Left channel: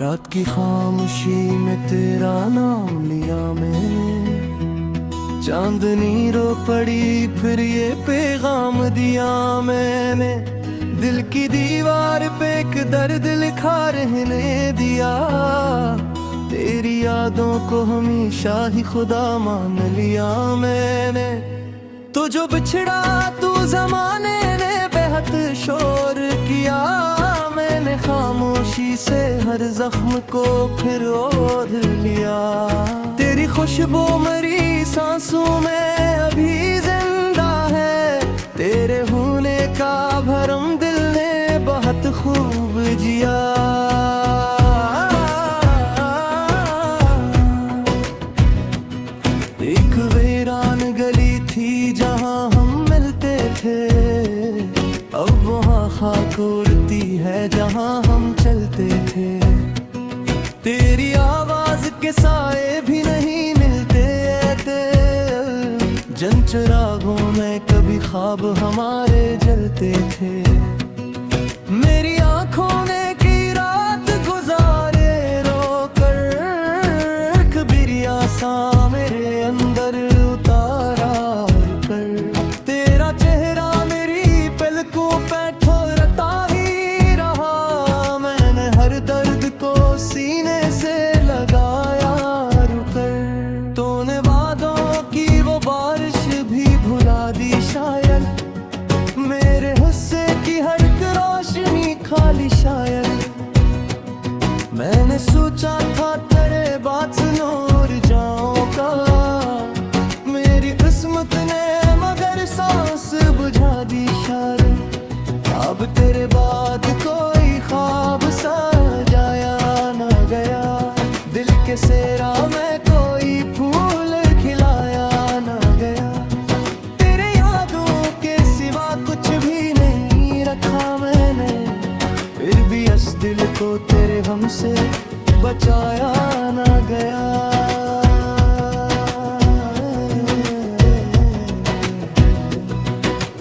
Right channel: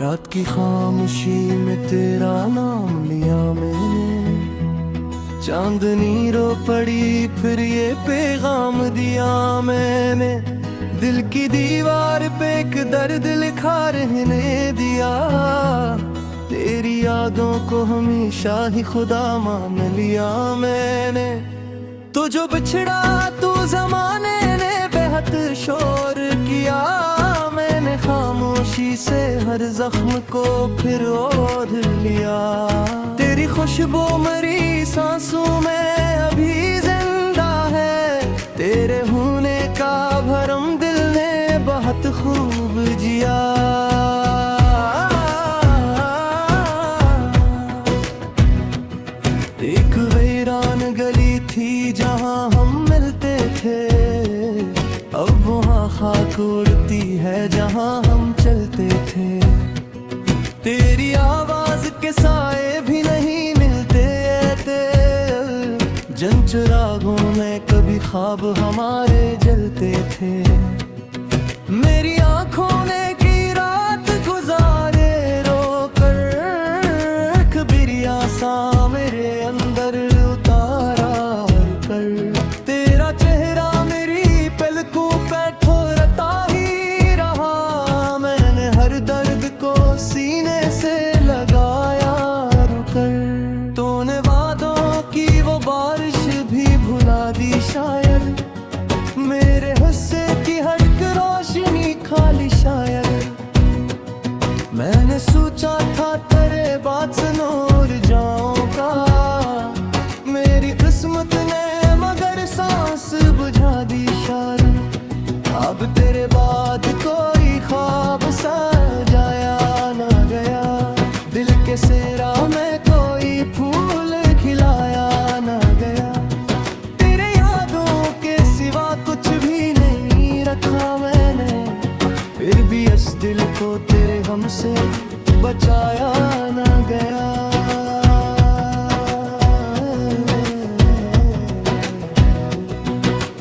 रात की खामोशी में तेरा नाम लिया मैंने, चांदनी रो पड़ी फिर ये पैगाम दिया मैंने। दिल की दीवार पे एक दर्द लिखा रहने दिया, तेरी यादों को हमेशा ही खुदा मान लिया मैंने। तो जो बिछड़ा तू जमाने ने बेहद शोर किया, मैंने खामोशी से हर जख्म को फिर ओढ़ लिया। तेरी खुशबू मरी सांसों में अभी जिंदा है, तेरे होने का भरम दिल ने बहुत खूब जिया। एक वीरान गली थी जहां हम मिलते थे, अब वहाँ खाक उड़ती है जहाँ हम चलते थे। तेरी आवाज के साए भी नहीं मिलते थे, जन चिरागों में कभी ख्वाब हमारे जलते थे। मेरी आंखों ने की रात गुजारे रोकर, कबीरिया सा मेरे अंदर उतारा कर। तेरा चेहरा मेरी पलकों पे ठोरता ही रहा, मैंने हर दर्द को सीने से लगाया रुकर। तूने वादों की वो बारिश भी भुला दी शायद, मेरे हुस्से की हर एक रोशनी खाली शायद। मैंने सोचा था तेरे बाद से नूर जाऊंगा, मेरी किस्मत ने मगर सांस बुझा दी शायद। अब तेरे बाद कोई ख्वाब सजाया ना गया, दिल के सेरा में कोई फूल खिलाया ना गया। तेरे यादों के सिवा कुछ भी नहीं रखा मैंने, फिर भी इस दिल को तेरे गम से बचाया ना गया।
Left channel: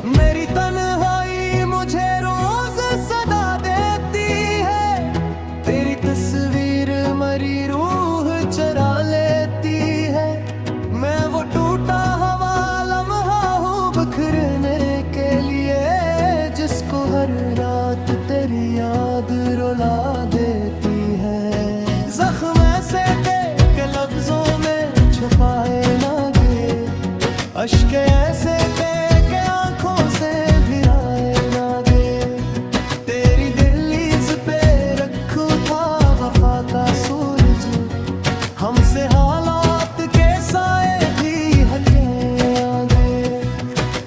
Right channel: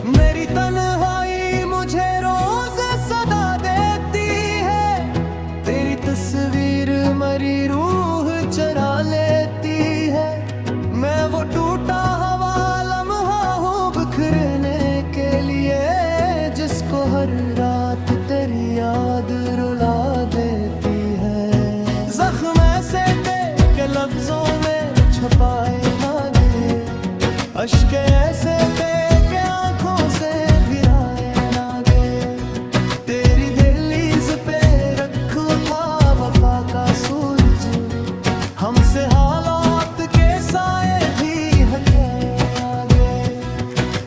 मेरी तन्हाई मुझे रोज सदा देती है, तेरी तस्वीर मरी रूह चरा लेती है। मैं वो टूटा हुआ लम्हा हूँ बिखरने के लिए, जिसको हर रात तेरी याद रुला देती है। जख्म ऐसे थे के लफ्जों में छुपाए ना गए, अश्क ऐसे थे के आंखों से भिराए ना गए। तेरी दहलीज पे रखू था वफा का सूरज, हमसे हालात के साए भी हटे आगे।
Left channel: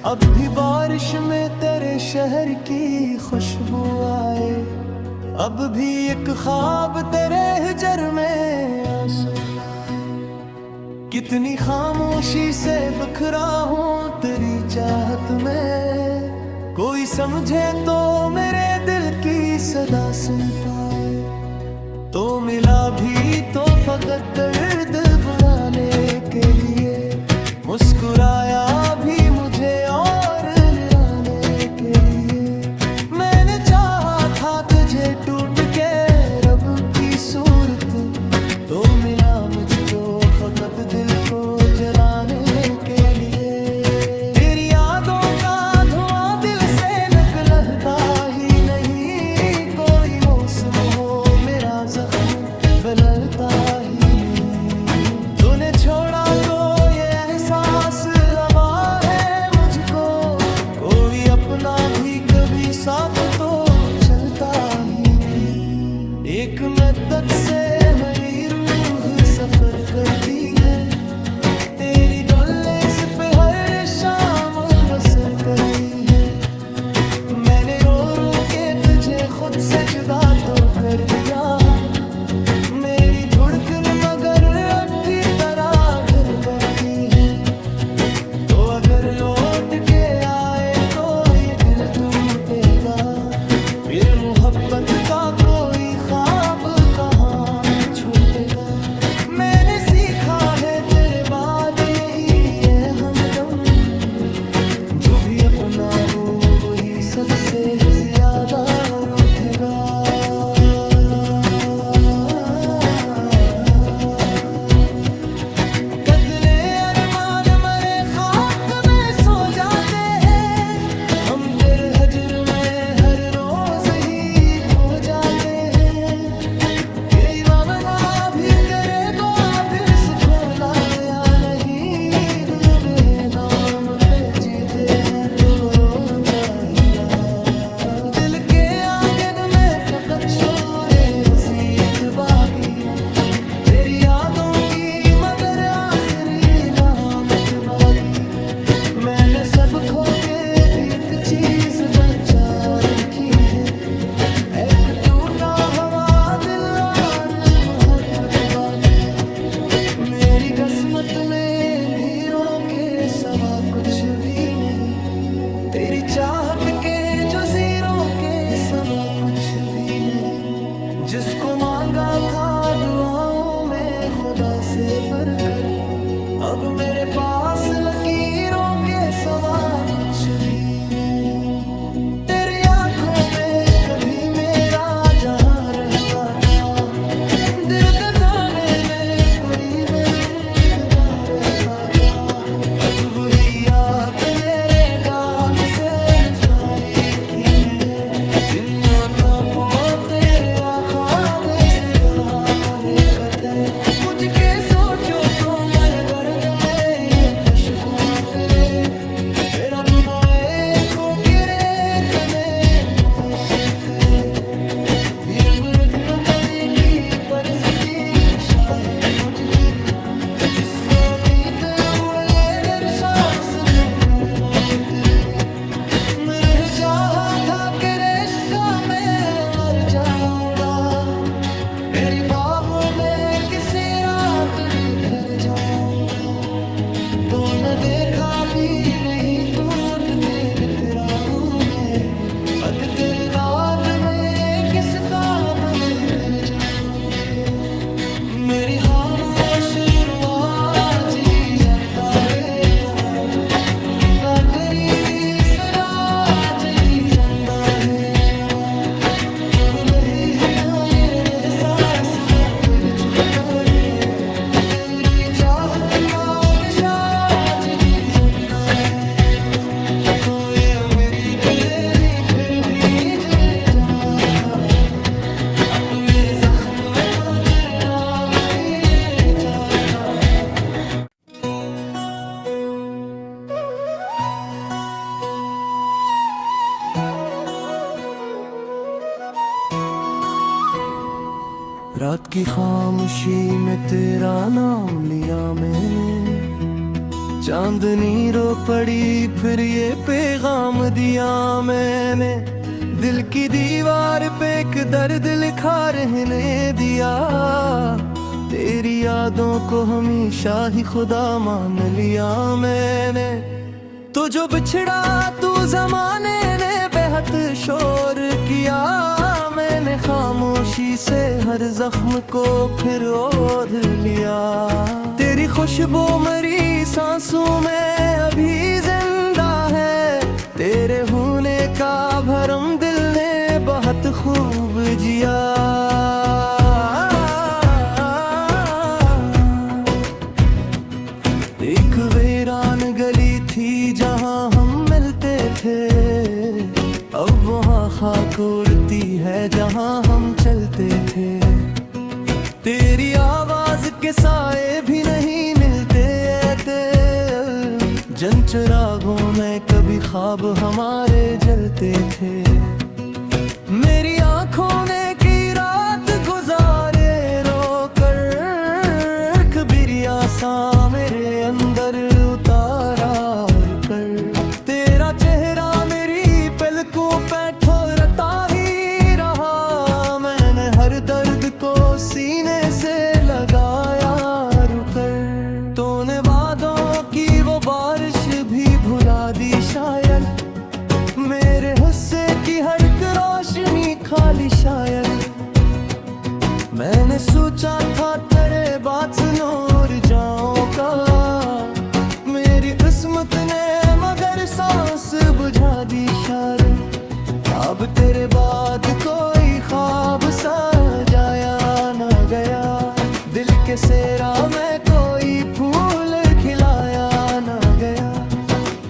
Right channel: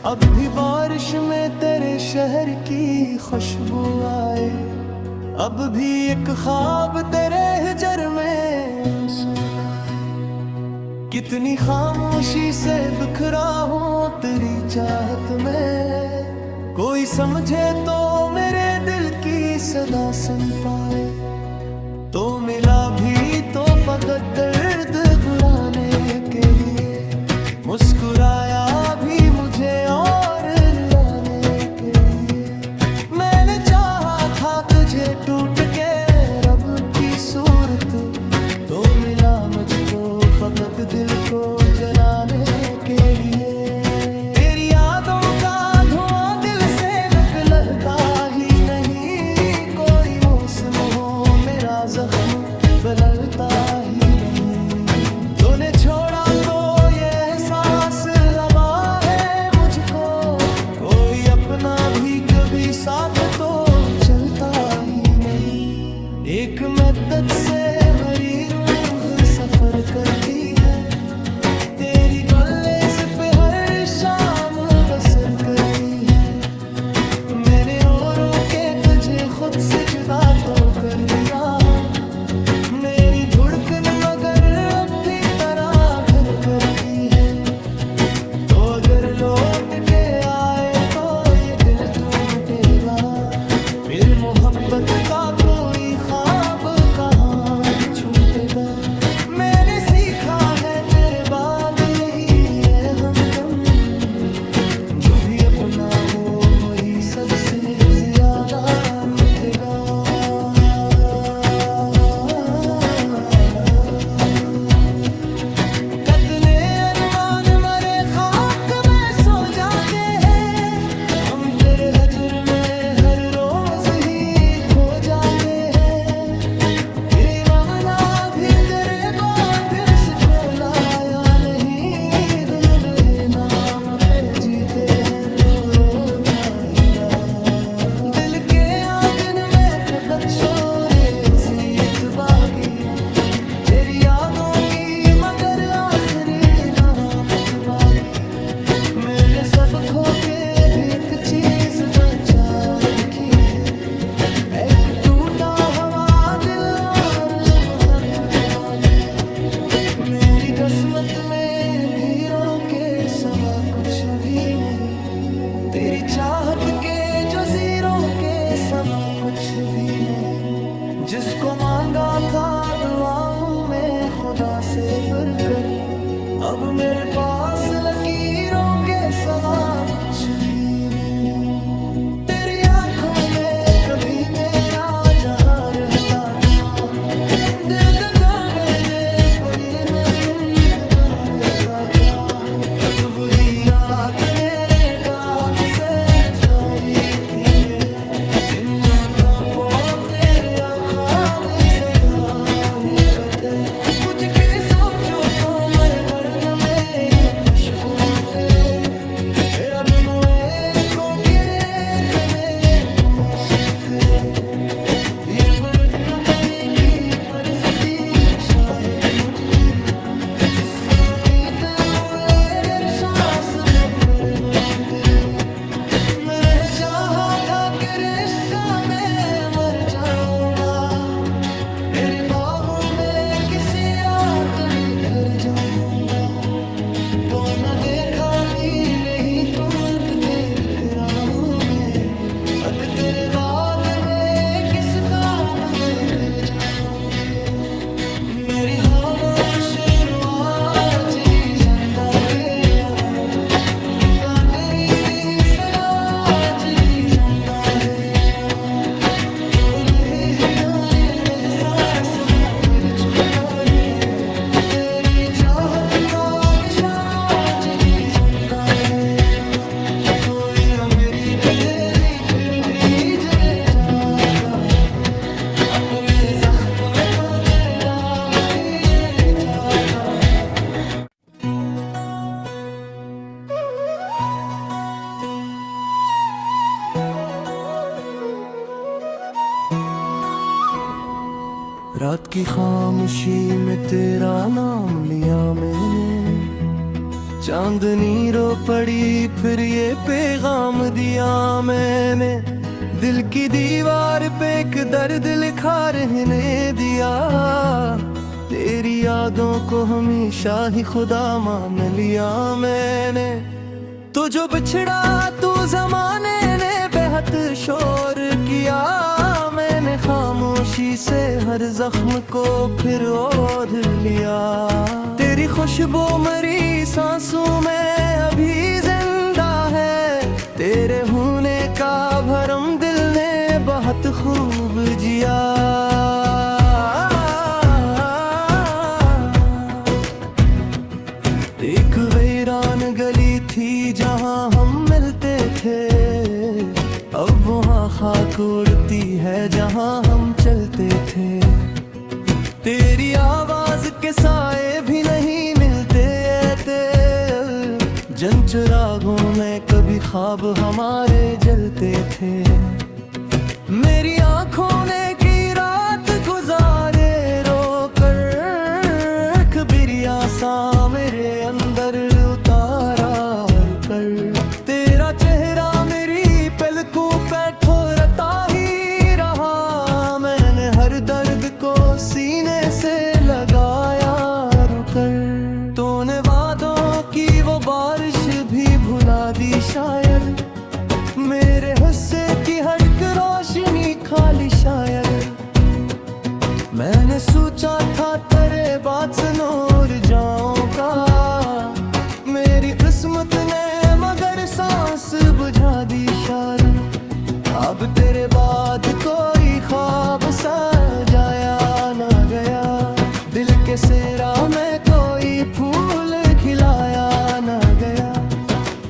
अब भी बारिश में तेरे शहर की खुशबू आए, अब भी एक ख्वाब तेरे हिजर में आंसू लाए। कितनी खामोशी से बिखरा हूँ तेरी चाहत में, कोई समझे तो मेरे दिल की सदा सुन पाए। तो मिला भी तो फकत दर्द बुलाने के लिए, मुस्कुराया भी मुझे और निराने के लिए। मैंने चाहा था तुझे टूट के रब की सूरत, तो मिला मुझको फकत दिल को जलाने के लिए। तेरी यादों का धुआं दिल से निकलता ही नहीं, कोई मौसम हो मेरा जख्म बदलता ही नहीं। तूने छोड़ा तो ये एहसास हवा है मुझको, कोई अपना भी कभी साथ तो चलता ही नहीं। एक मद्दत से मेरी रूह सफर करती है, तेरी गुल्लेस पे हर शाम बसर करती है। मैंने रो रो के तुझे खुद से जुदा तो कर दिया, मेरी धड़कन मगर अब भी तरह घर करती है। तो अगर लौट के आए तो ये दिल टूटेगा, फिर मोहब्बत का कोई ख्वाब कहाँ छूटेगा। मैंने सीखा है तेरे बाद यही है हमदम, जो भी अपना हो वही सबसे ज्यादा रूठेगा। शोरे अजीत बागी, तेरी यादों की मगर आखिरी नामत बागी। मैंने सब खो के भी एक चीज बचा रखी है, एक टूटा हवा दिल और मोहब्बत बागी। मेरी किस्मत में भीड़ों के सवा कुछ भी नहीं, तेरी चाहत के जो जीरों के सवा कुछ भी नहीं। जिसको मांगा था दुआओं में खुदा से बढ़कर, अब मेरे पास लकीरों के सवा कुछ भी नहीं। तेरी आंखों में कभी मेरा जहां रहता था, दिल दगा में बेपुरी में मुंतज़र रहता था। अब वही याद मेरे दाग से मिसारी की है, दुनिया का पो तेरे ख्वाब से गाली कथे। कुछ के सोचो तो मर दर्द में ये खुशबुआ करे, मेरा बनोए को करे तमें मौसुतरे। ये बरत बताए की पर सतीर शायद मुझ फिर, जिसको जीते हुए अगर सांस देकर उतरे। मैं रह चाहा था कि रिश्ता में मर जाऊंगा, तेरी बाहों में किसी रात बिखर जाऊंगा। तो न देखा भी नहीं टूटते बिखरा हूँ मैं, अत तेरे दाद में किस ख्वाब में खर जाऊंगे। मेरी खामोश आज भी जिंदा है यहाँ, क्या करी सी सदा आज ही जिंदा है यहाँ। तो नहीं हटा ये एहसास कर चुका है, तेरी चाहत का नशा आज भी जिंदा है यहाँ। तो ये मेरी फिर फिर भी जले जाता है, अपने जख्मों को तेरे दाम किए जाता है। रात की खामोशी में तेरा नाम लिया मैंने, चांदनी रो पड़ी फिर ये पैगाम दिया मैंने। दिल की दीवार पे एक दर्द लिखा रहने दिया, तेरी यादों को हमेशा ही खुदा मान लिया मैंने। तो जो बिछड़ा तू जमाने ने बेहद शोर किया, मैंने खामोशी से हर जख्म को फिर ओढ़ लिया। तेरी खुशबू मरी सांसों में अभी जिंदा है, तेरे होने का भरम दिल ने बहुत खूब जिया। एक वीरान गली थी जहां हम मिलते थे, अब वहां खाक उड़ती है जहां हम चलते थे। तेरी आवाज के साए भी नहीं मिलते थे, जन चिरागों में कभी ख्वाब हमारे जलते थे। मेरी आंखों ने की रात गुजारे रोकर, कबीरिया सा मेरे अंदर उतारा रुकर। तेरा चेहरा मेरी पलकों पे ठोरता ही रहा, मैंने हर दर्द को सीने से लगाया रुकर। तूने वादों की वो बारिश भी भुला दी शायद, मेरे हुस्से की हर रोशनी खाली शायद। मैंने सोचा था तेरे बाद से नूर जाऊंगा, मेरी किस्मत ने मगर सांस बुझा दी शायद। अब तेरे बाद कोई ख्वाब सजाया ना गया, दिल के सेरा में कोई फूल खिलाया ना गया।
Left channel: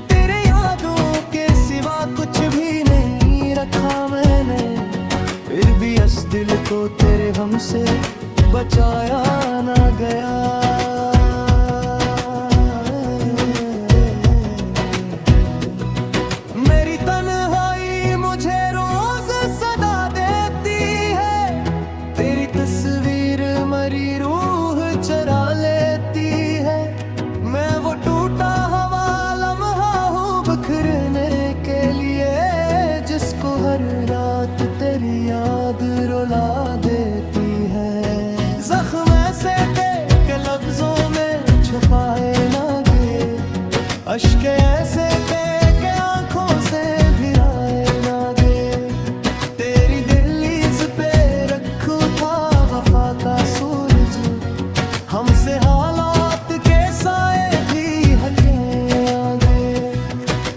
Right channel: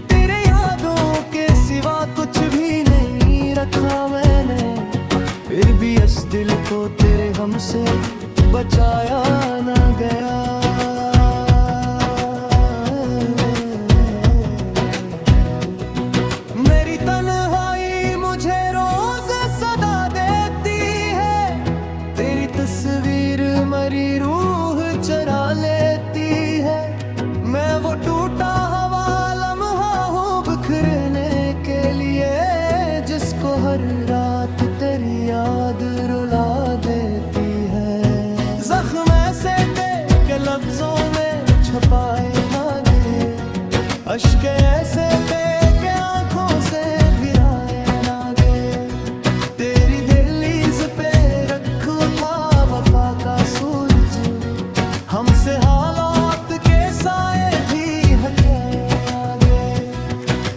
तेरे यादों के सिवा कुछ भी नहीं रखा मैंने, फिर भी इस दिल को तेरे हमसे बचाया ना गया। मेरी तन्हाई मुझे रोज सदा देती है, बिखरने के लिए, जिसको हर रात तेरी याद रुला देती है। जख्म ऐसे थे कि लफ्जों में छुपाए ना गए, अश्क ऐसे थे कि आंखों से भिराए ना गए। तेरी दहलीज पे रखा था वफा का सूरज, हमसे हालात के साए भी हटे आगे।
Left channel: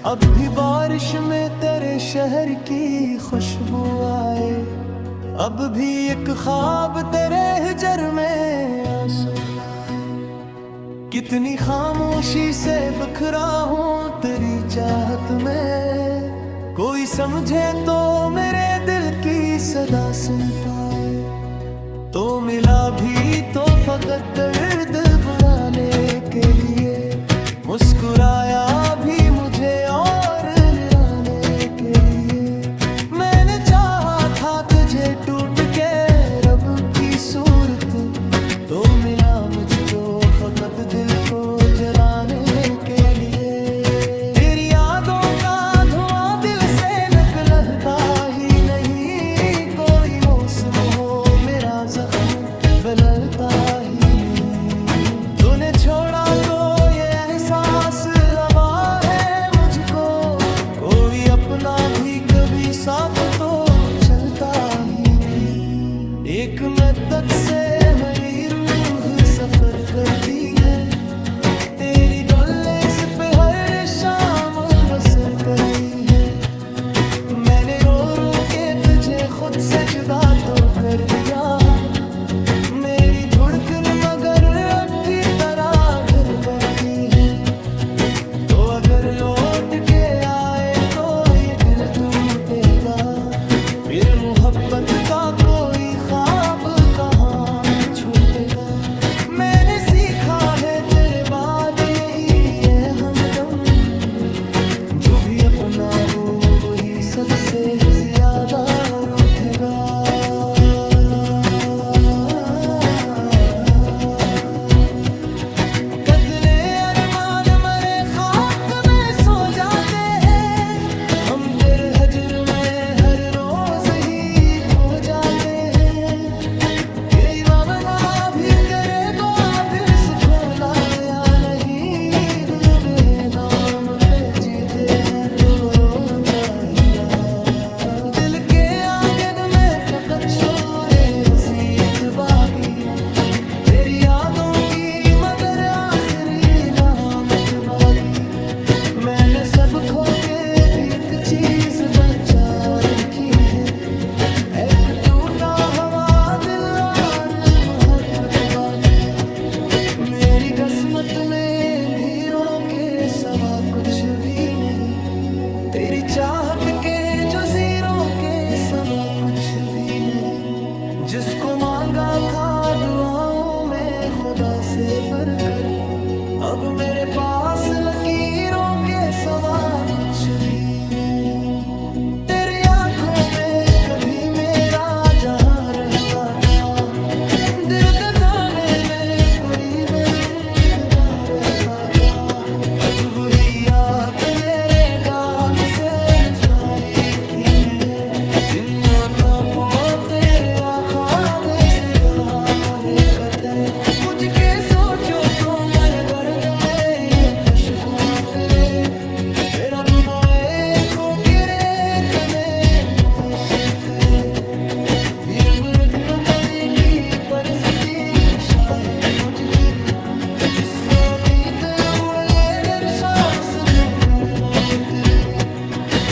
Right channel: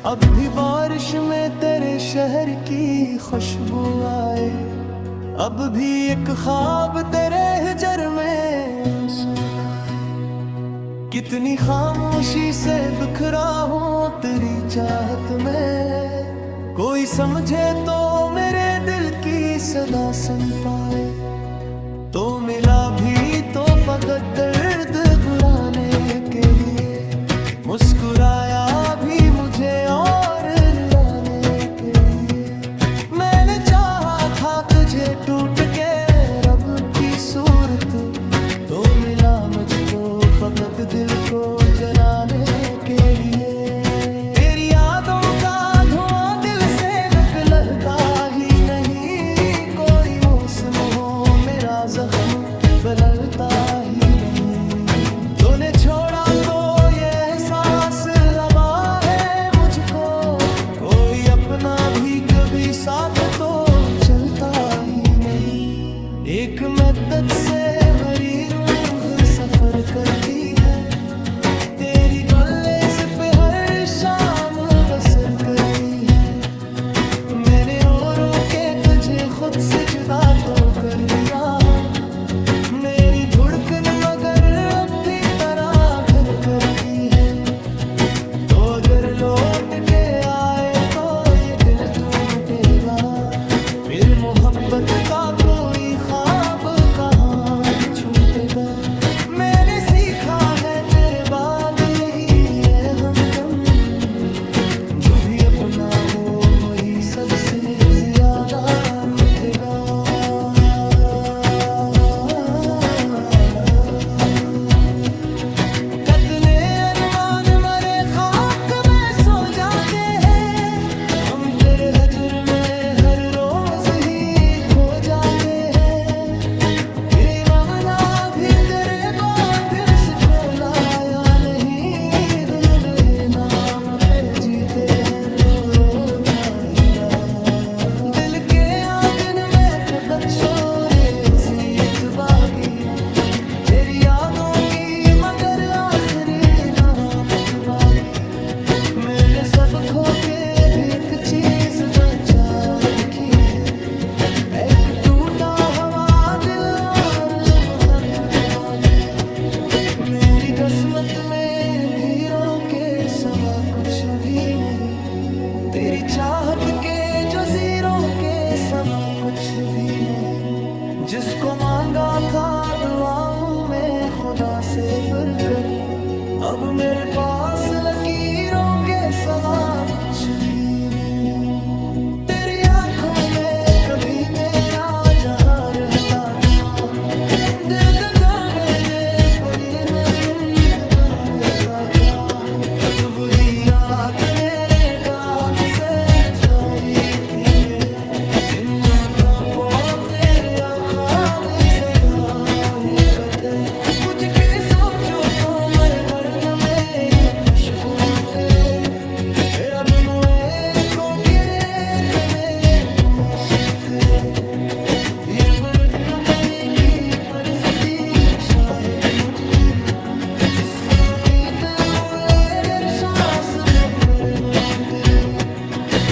अब भी बारिश में तेरे शहर की खुशबू आए, अब भी एक ख्वाब तेरे हिजर में आंसू आए। कितनी खामोशी से बिखरा हूँ तेरी चाहत में, कोई समझे तो मेरे दिल की सदा सुन पाए। तो मिला भी तो फकत दर्द बुलाने के लिए, मुस्कुराया भी मुझे और निराने के लिए। मैंने चाहा था तुझे टूट के रब की सूरत, तो मिला मुझको फकत दिल को जलाने के लिए। तेरी यादों का धुआं दिल से निकलता ही नहीं, कोई मौसम हो मेरा जख्म बदलता ही नहीं। तूने छोड़ा तो ये एहसास अब है मुझको, कोई अपना भी कभी साथ तो चलता ही नहीं। एक मदद से मेरी रूह सफर करती है, तेरी गलेस पे हर शाम बसर करती है। मैंने रो रो के तुझे खुद से जुदा तो कर दिया, मेरी धड़कन मगर अब भी तरह घर करती है। तो अगर लौट के आए तो ये दिल टूटेगा, फिर मोहब्बत का कोई ख्वाब कहाँ छूटेगा। मैंने सीखा है तेरे बाद यही है हमदम, जो भी अपना हो वही सबसे ज्यादा रूठेगा। कितने अरमान मरे खाक में सो जाते हैं, हम तेरे हजर में हर रोज ही खो जाते हैं। ये मामला भी तेरे वापिस खोलाया नहीं, दोनों बहे नाम पे जीते हैं तो रोजा ही रहा। दिल के आंगन में फकत शोरे अजीत बागी, तेरी यादों की मगर आखिरी नामत बागी। मैंने सब खो के भी एक चीज बचा रखी है, एक टूटा हुआ दिल और मोहब्बत बागी। मेरी किस्मत में भीड़ों के सवा कुछ भी नहीं, तेरी चाहत के जो ज़ीरों के सवा कुछ भी नहीं। जिसको मांगा था दुआओं में खुदा से बढ़कर, अब मेरे पास लकीरों के सवा कुछ भी नहीं। तेरी आंखों में कभी मेरा जहां रहता था, दिल दगा में दे पूरी मेरे मुंतबा रहता था। अब वही याद मेरे दाग से मिटारी की है, दुनिया का पो तेरे आखाब से गाली कथे। कुछ के सोचो तो मरे दर्द में ये खुशबू करे, तेरा बनोए को करे तुम्हें मौसूतरे। फिर बरक बताए की परसती शायद मुझ फिर, जिसको जीते हुए अगर सांस देकर रोते।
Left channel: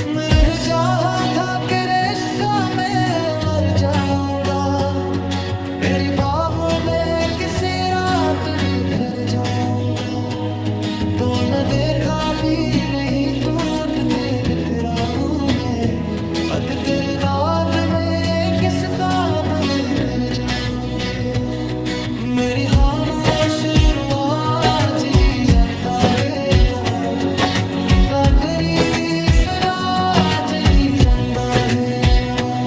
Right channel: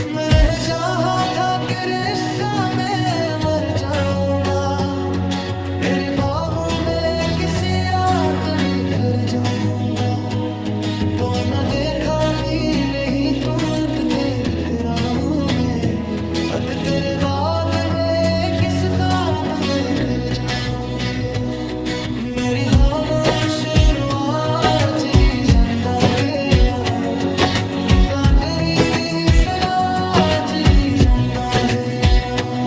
मैं रह चाहा था कि रिश्का मैं मर जाऊंगा, तेरी बाहों में किसी रात बिखर जाऊंगा। तो न देखा भी नहीं टूटते बिखरा हूँ मैं, अत तेरे दाद में किस ख्वाब में कर जाऊंगे। मेरी खामोश आज भी जिंदा है यहाँ, क्या करी सी सदा आज भी जिंदा है यहाँ।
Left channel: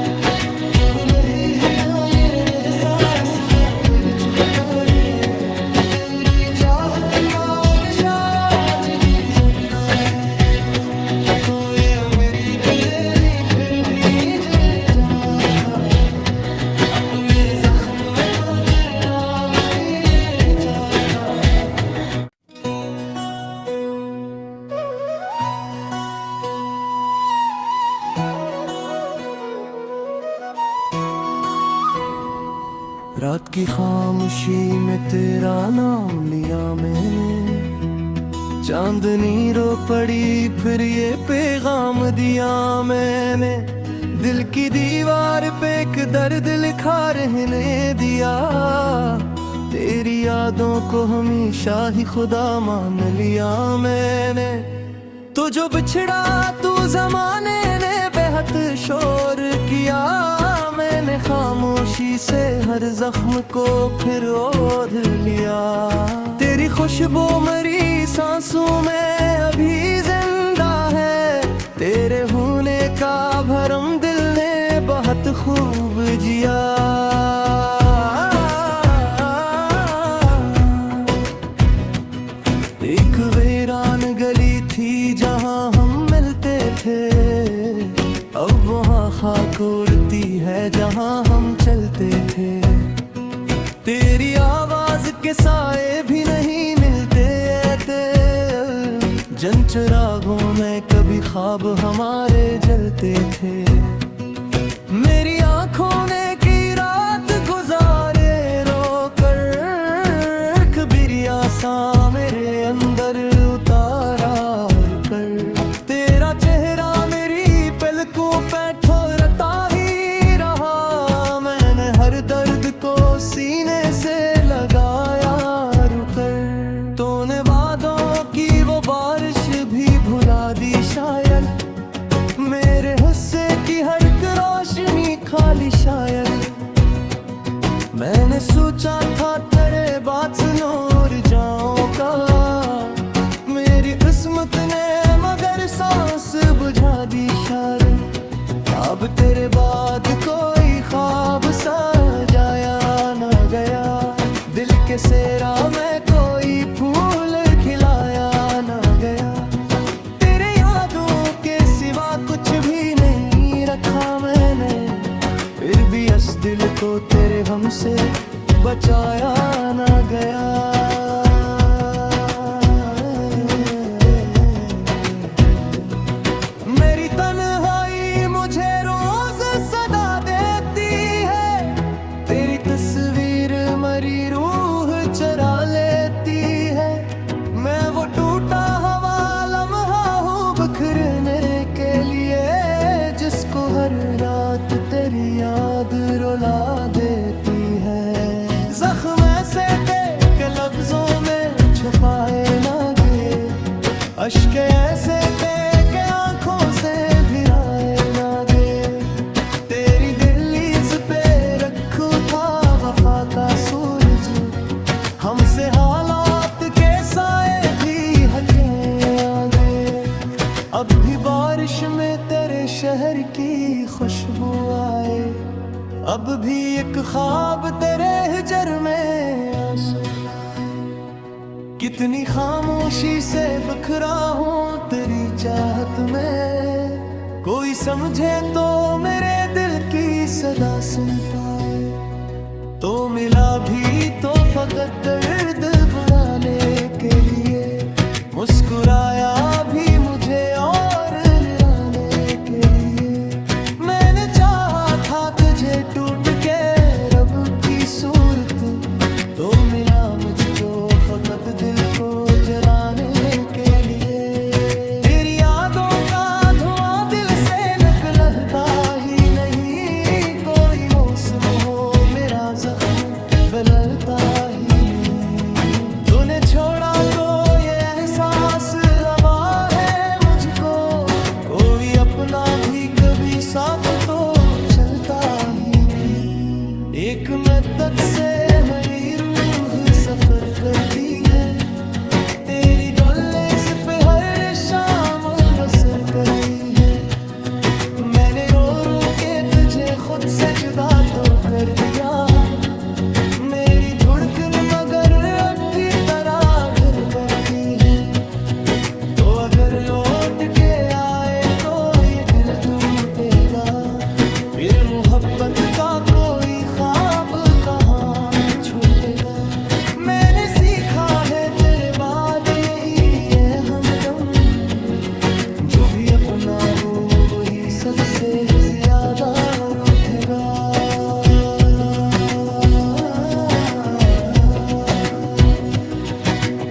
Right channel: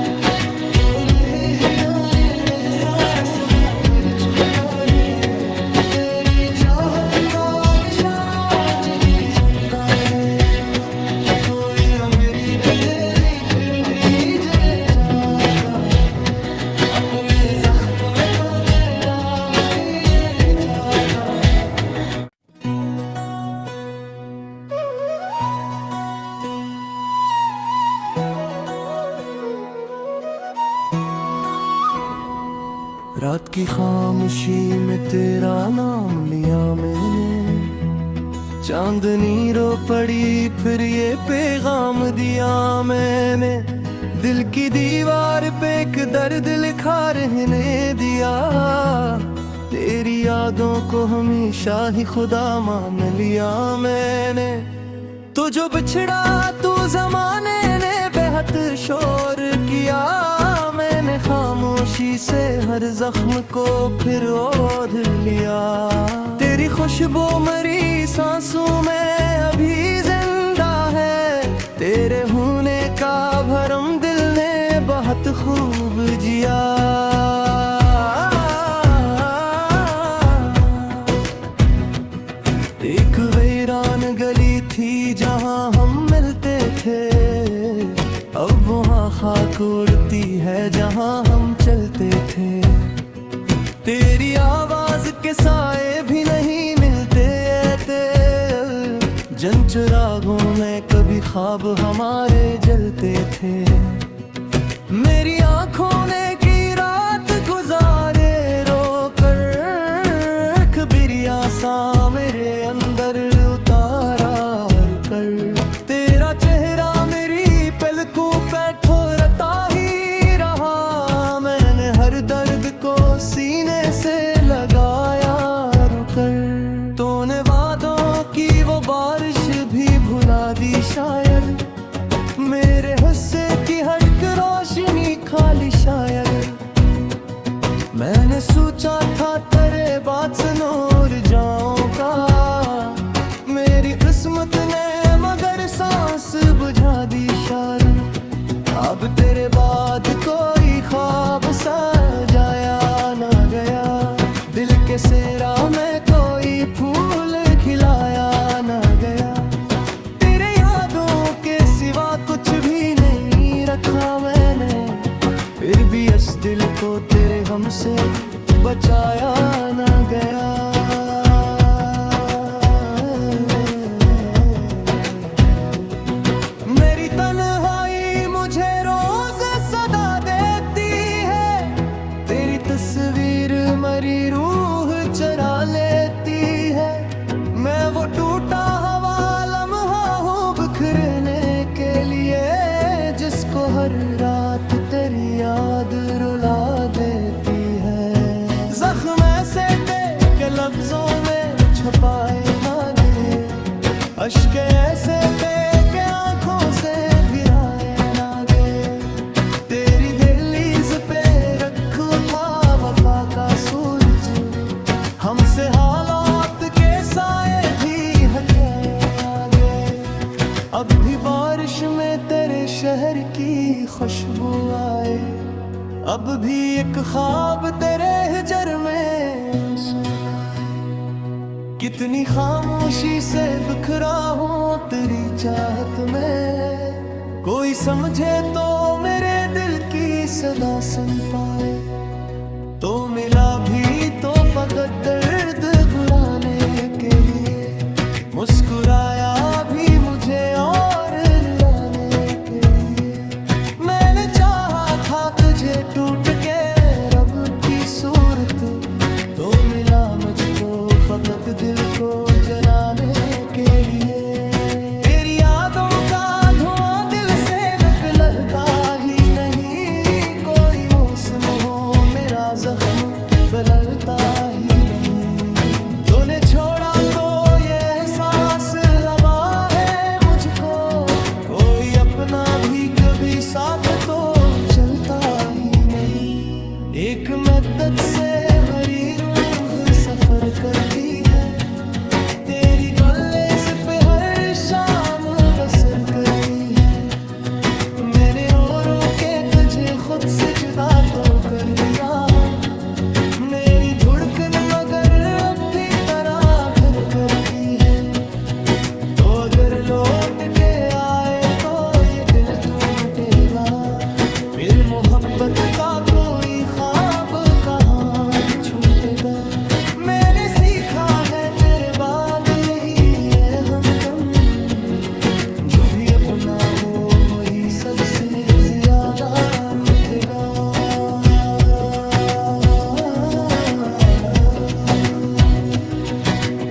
तो नहीं होता ये एहसास के बिच बताए, तेरी चाहत का नशा आज भी जिंदा है यहाँ। अपने जख्मों को तेरे दाम किए जाता हूँ। रात की खामोशी में तेरा नाम लिया मैंने, चांदनी रो पड़ी फिर ये पैगाम दिया मैंने। दिल की दीवार पे एक दर्द लिखा रहने दिया, तेरी यादों को हमेशा ही खुदा मान लिया मैंने। तो जो बिछड़ा तू जमाने ने बेहद शोर किया, मैंने खामोशी से हर जख्म को फिर ओढ़ लिया। तेरी खुशबू मरी सांसों में अभी जिंदा है, तेरे होने का भरम दिल ने बहुत खूब जिया। एक वीरान गली थी जहां हम मिलते थे, अब वहाँ खाक उड़ती है जहाँ हम चलते थे। तेरी आवाज के साए भी नहीं मिलते थे, जन चिरागों में कभी ख्वाब हमारे जलते थे। मेरी आंखों ने की रात गुजारे रोकर, कबीरिया सा मेरे अंदर उतारा कर। तेरा चेहरा मेरी पलकों पे ठोरता ही रहा, मैंने हर दर्द को सीने से लगाया रुकर। तूने वादों की वो बारिश भी भुला दी शायद, मेरे हिस्से की हर एक रोशनी खाली शायद। मैंने सोचा था तेरे बाद सुनूर जाऊंगा, मेरी किस्मत ने मगर सांस बुझा दी शायद। अब तेरे बाद कोई ख्वाब सजाया ना गया, दिल के सेरा में कोई फूल खिलाया ना गया। तेरे यादों के सिवा कुछ भी नहीं रखा मैंने, फिर भी इस दिल को तेरे गम से बचाया ना गया। मेरी तन्हाई मुझे रोज सदा देती है, तेरी तस्वीर मरी रूह चरा लेती है। मैं वो टूटा हवा लम्हा हूँ बिखरने के लिए, जिसको हर रात तेरी याद रुला देती है। जख्म ऐसे थे के लफ्जों में छुपाए ना गए, अश्क ऐसे थे के आंखों से भिराए ना गए। तेरी दहलीज पे रखू था वफा का सूरज, हमसे हालात के साए भी हटे आगे। अब भी बारिश में तेरे शहर की खुशबू आए, अब भी एक ख्वाब तेरे हिजर में आंसू आए। कितनी खामोशी से बिखरा हूँ तेरी चाहत में, कोई समझे तो मेरे दिल की सदा सुन पाए। तो मिला भी तो फकत दर्द बुलाने के लिए, मुस्कुराया भी मुझे और निराने के लिए। मैंने चाहा था तुझे टूट के रब की सूरत, तो मिला मुझको फकत दिल को जलाने के लिए। तेरी यादों का धुआं दिल से निकलता ही नहीं, कोई मौसम हो मेरा जख्म बदलता ही नहीं। तूने छोड़ा तो ये एहसास हवा है मुझको, कोई अपना भी कभी साथ तो चलता ही नहीं। एक मद्दत से मेरी रूह सफर करती है, तेरी गुल्लेस पे हर शाम बसर करती है। मैंने रो रो के तुझे खुद से जुदा तो कर दिया, मेरी धड़कन मगर अब भी तराघर करती है। तो अगर लौट के आए तो ये दिल टूटेगा, फिर मोहब्बत मोहब्बत का कोई ख्वाब कहाँ छूटेगा। मैंने सीखा है तेरे बाद यही है हमदम, जो भी अपना हो वही सबसे ज्यादा रूठेगा।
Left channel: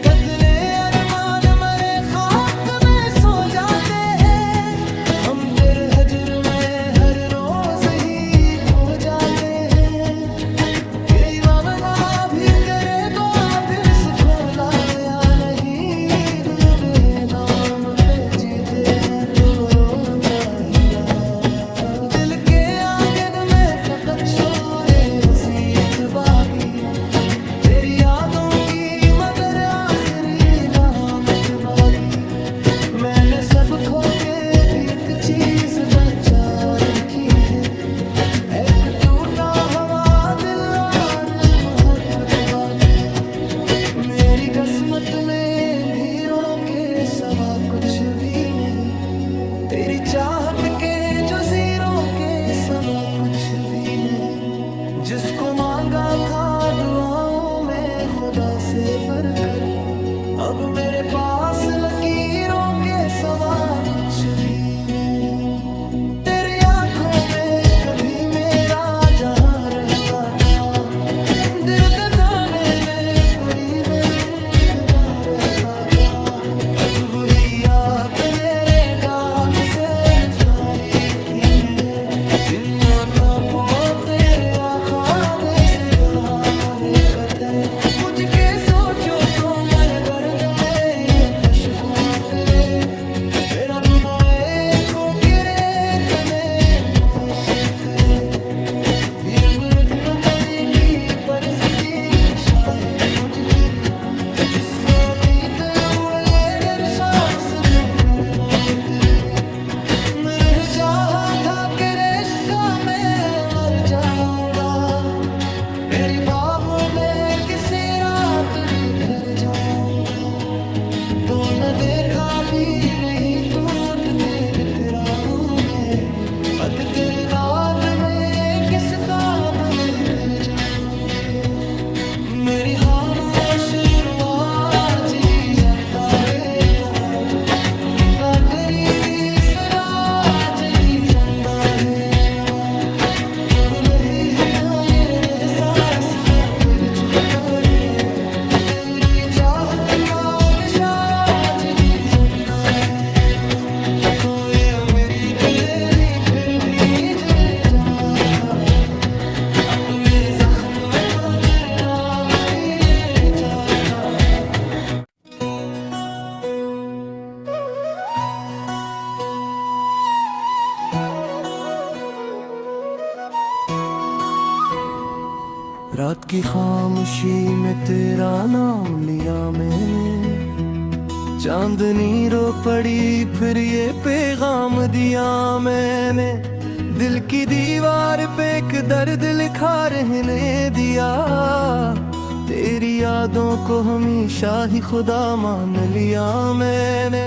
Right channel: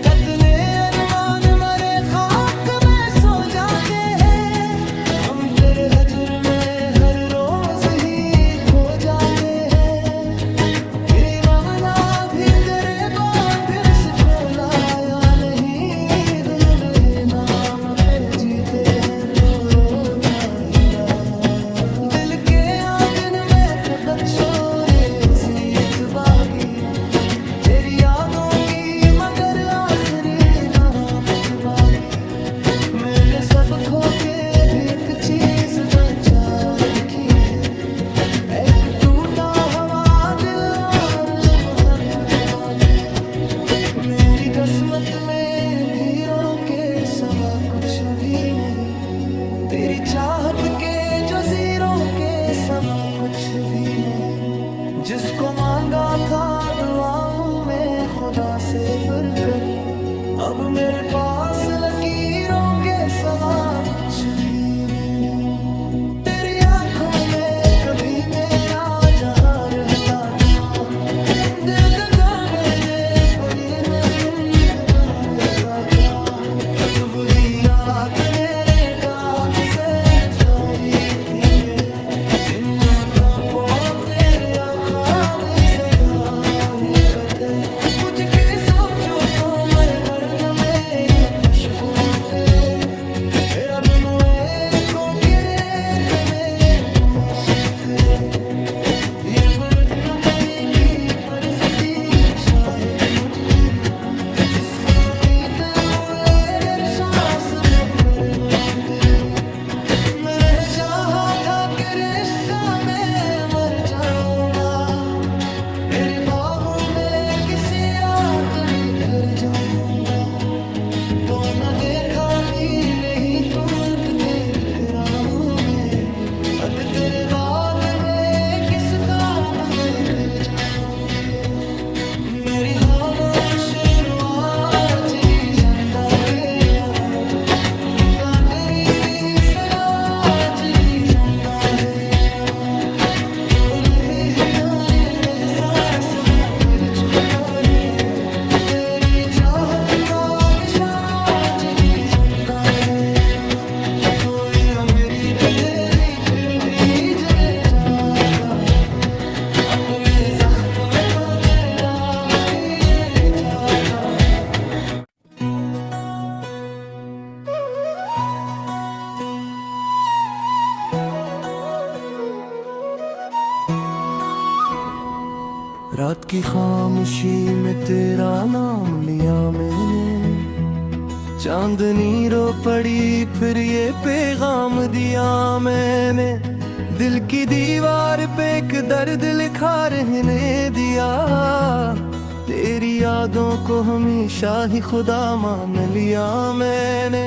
कितने अरमान मरे खाक में सो जाते हैं, हम तेरे हजर में हर रोज ही खो जाते हैं। ये मामला भी तेरे बाबिस खोलाया नहीं, दोनों रहे नाम पे जीते हैं तो रोजा ही रहा। दिल के आंगन में फकत शोरे अजीत बागी, तेरी यादों की मगर आखिरी नामत बागी। मैंने सब खो के भी एक चीज बचा रखी है, एक टूटा हुआ दिल और मोहब्बत बागी। मेरी किस्मत में भीड़ों के सवा कुछ भी नहीं, तेरी चाहत के जो ज़ीरों के सवा कुछ भी नहीं। जिसको मांगा था दुआओं में खुदा से बढ़कर, अब मेरे पास लकीरों के सवा कुछ भी नहीं। तेरी आंखों में कभी मेरा जहां रहता था, दिल दगा में बेपुरी में मुंतबा रहता था। अब वही याद मेरे दाग से निसारी थी है, जिन्नता पो तेरे आखाब से गाली कथे। पूछ के सोचो तो मर दर्द में ये खुशबुआ करे, मेरा बुनोए को करे तुम्हें मौसूतरे। फिर बरक बतरी की परसती शायद मुझ फिर, जिसको जीते हुए डर सांस देकर रोत रे। मेरे चाहा था कि रिश्ता में मर जाऊंगा, तेरी बाहों में किसी रात बिखर जाऊंगा। तो न देखा भी नहीं टूटते बिखरा हूँ मैं, अब तेरे दाद में किस ख्वाब में कर जाऊंगे। मेरी खामोश आज ही जिंदा है यहाँ, क्या करी सी सदा आज ही जिंदा है यहाँ। तो नहीं होता ये एहसास बातें चुपता है, तेरी चाहत का नशा आज ही जिंदा है यहाँ। तो ये मेरी दिलेरी फिर भी जले जाता है, अपने जख्मों को तेरे दाम पिए जाता है। रात की खामोशी में तेरा नाम लिया मैंने, चांदनी रो पड़ी फिर ये पैगाम दिया मैंने। दिल की दीवार पे एक दर्द लिखा रहने दिया, तेरी यादों को हमेशा ही खुदा मान लिया मैंने।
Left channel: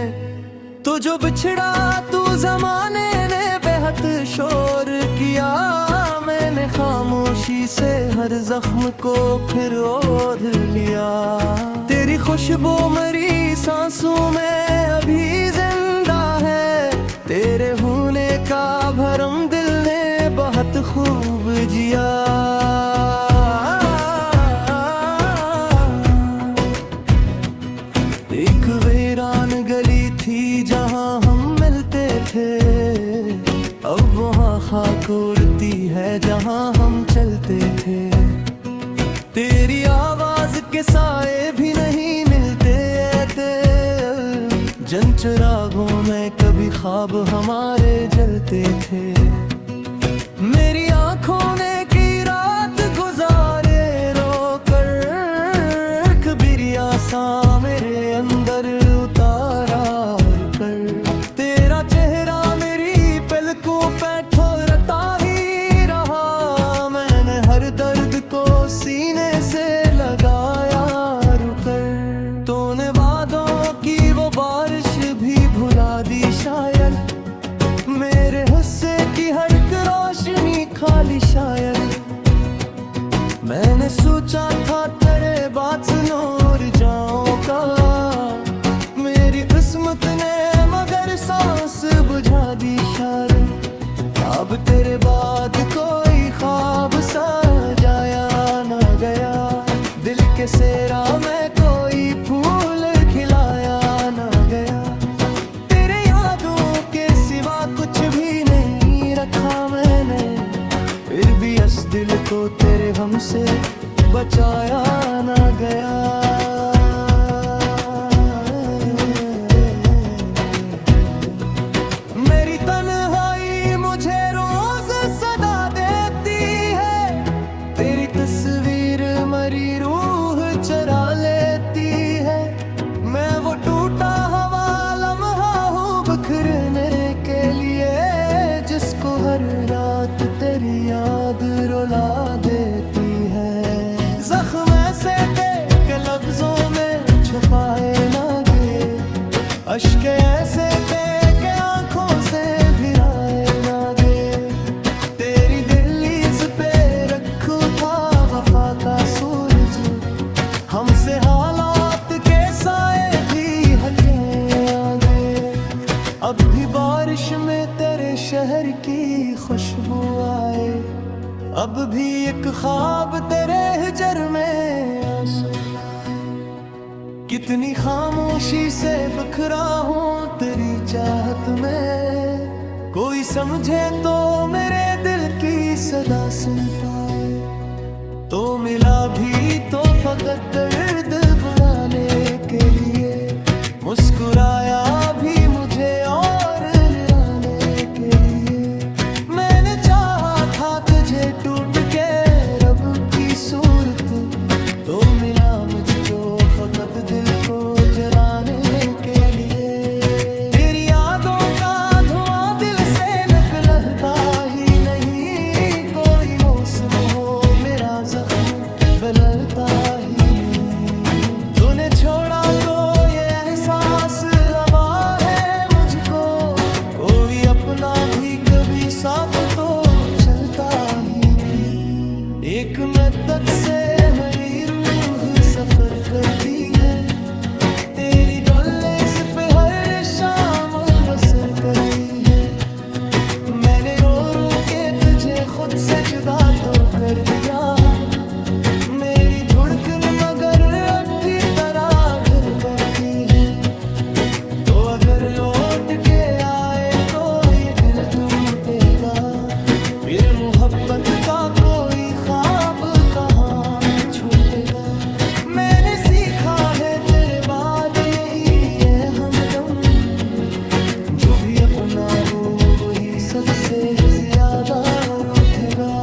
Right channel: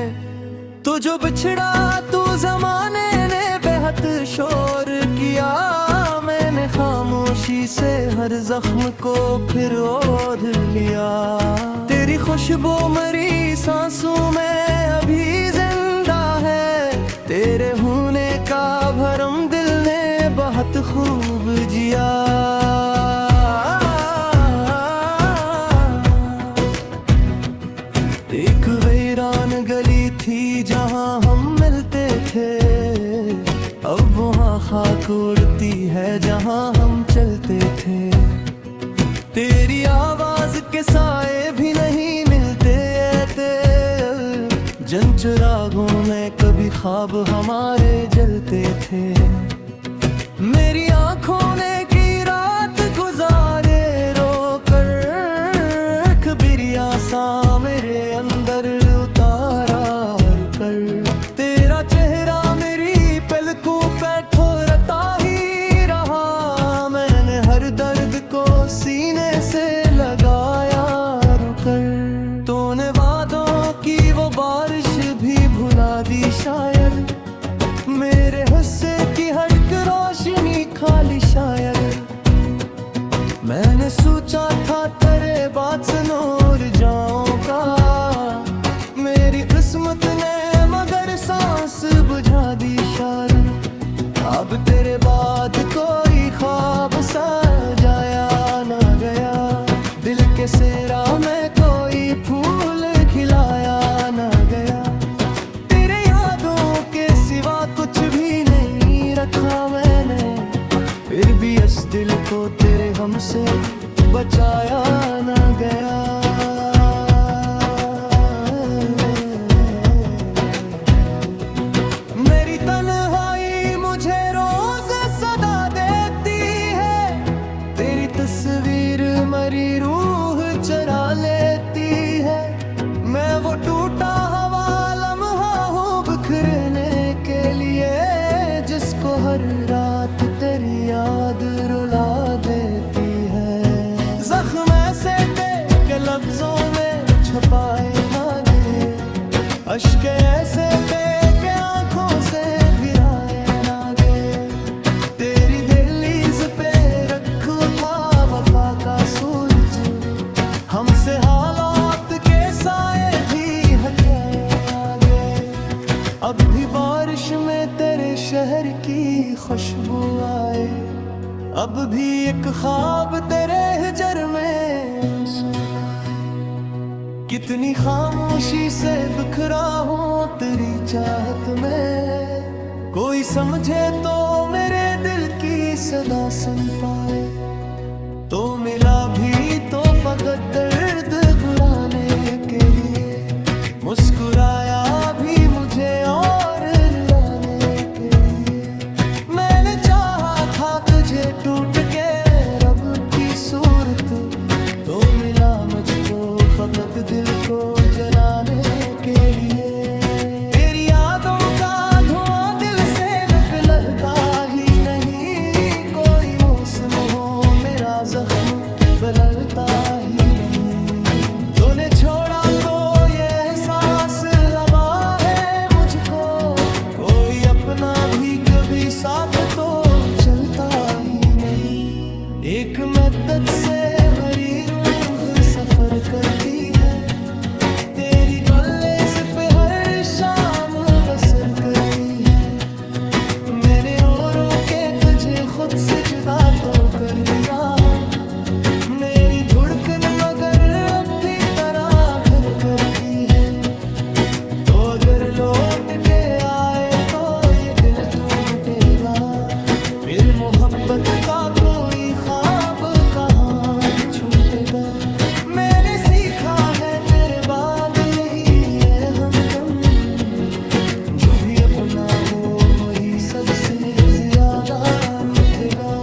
तो जो बिछड़ा तू जमाने ने बेहद शोर किया, मैंने खामोशी से हर जख्म को फिर ओढ़ लिया। तेरी खुशबू मरी सांसों में अभी जिंदा है, तेरे होने का भरम दिल ने बहुत खूब जिया। एक वीरान गली थी जहां हम मिलते थे, अब वहाँ खाक उड़ती है जहाँ हम चलते थे। तेरी आवाज के साए भी नहीं मिलते थे, जन चिरागों में कभी ख्वाब हमारे जलते थे। मेरी आंखों ने की रात गुजारे रो कर, कबीरिया सा मेरे अंदर उतारा कर। तेरा चेहरा मेरी पलकों पे ठोरता ही रहा, मैंने हर दर्द को सीने से लगाया रुकर। तूने वादों की वो बारिश भी भुला दी शायद, मेरे हुस्से की हर एक रोशनी खाली शायद मैंने सोचा था तेरे बाद नूर जाऊंगा। मेरी किस्मत ने मगर सांस बुझा दी शायद। अब तेरे बाद कोई ख्वाब सजाया ना गया। दिल के सेरा में कोई फूल खिलाया ना गया। तेरे यादों के सिवा कुछ भी नहीं रखा मैंने। फिर भी इस दिल को तेरे हमसे बचाया ना गया। मेरी तन्हाई मुझे रोज सदा देती है। तेरी तस्वीर मरी रूह चरा लेती है। मैं वो टूटा हवा लम्हा हूँ बिखरने के लिए, जिसको हर रात तेरी याद रुला देती है। जख्म ऐसे थे के लफ्जों में छुपाए ना गए। अश्क ऐसे थे के आंखों से भिराए ना गए। तेरी दहलीज पे रखा था वफा का सूरज। हमसे हालात के साए भी हटे आगे। अब भी बारिश में तेरे शहर की खुशबू आए। अब भी एक ख्वाब तेरे हिजर में आंसू लाए। कितनी खामोशी से बिखरा हूँ तेरी चाहत में। कोई समझे तो मेरे दिल की सदा सुन पाए। तो मिला भी तो फकत दर्द बुलाने के लिए। मुस्कुराया भी मुझे और निराने के लिए। मैंने चाहा था तुझे टूट के रब की सूरत। तो मिला मुझको फकत दिल को जलाने के लिए। तेरी यादों का धुआं दिल से निकलता ही नहीं। कोई मौसम हो मेरा जख्म बदलता ही नहीं। तूने छोड़ा तो ये एहसास हवा है मुझको। कोई अपना भी कभी साथ तो चलता ही नहीं। एक मद्दत से मेरी रूह सफर करती है। तेरी गलेस पे हर शाम बसर करती है। मैंने रो रो के तुझे खुद से जुदा तो कर दिया। मेरी धड़कन मगर अब भी तराघर करती है। तो अगर लौट के आए तो ये दिल टूटेगा। फिर मोहब्बत का कोई ख्वाब कहाँ छूटेगा। मैंने सीखा है तेरे बाद यही है हमदम। जो भी अपना हो वही सबसे ज्यादा रूठेगा।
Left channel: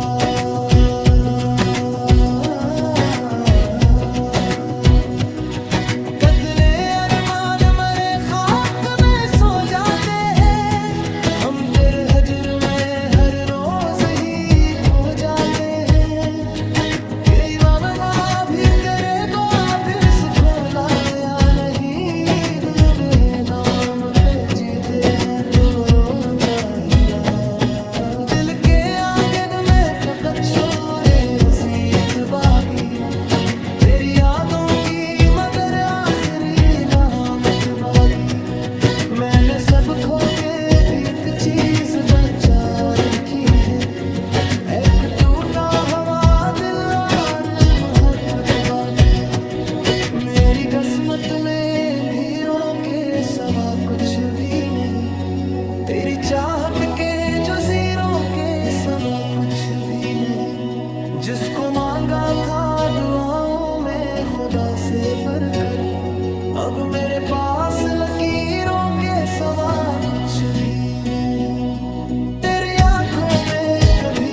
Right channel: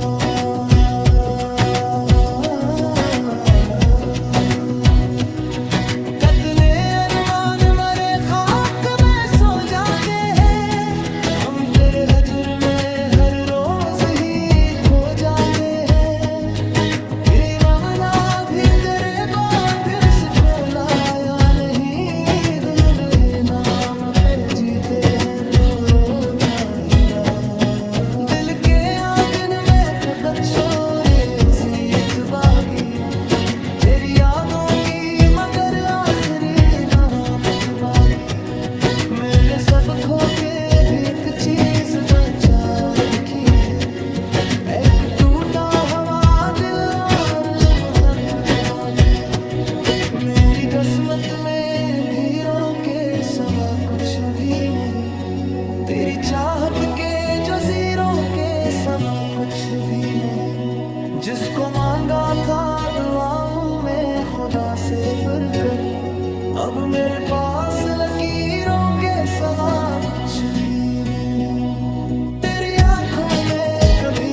कितने अरमान मरे खाक में सो जाते हैं। हम तेरे हजर में हर रोज ही खो जाते हैं। ये मामला भी तेरे बाद से खोला या नहीं। दोनों बेहे नाम पे जीते हैं तो रोजा ही रहा। दिल के आंगन में फकत शोरे अजीत बागी। तेरी यादों की मगर आखिरी नामत बागी। मैंने सब खो के भी एक चीज बचा रखी है। एक टूटा हवा दिल और मोहब्बत बागी। मेरी किस्मत में धीरों के सवा कुछ भी नहीं। तेरी चाहत के जो जीरों के सवा कुछ भी नहीं। जिसको मांगा था दुआओं में खुदा से बढ़कर। अब मेरे पास लकीरों के सवा कुछ भी नहीं। तेरी आंखों में कभी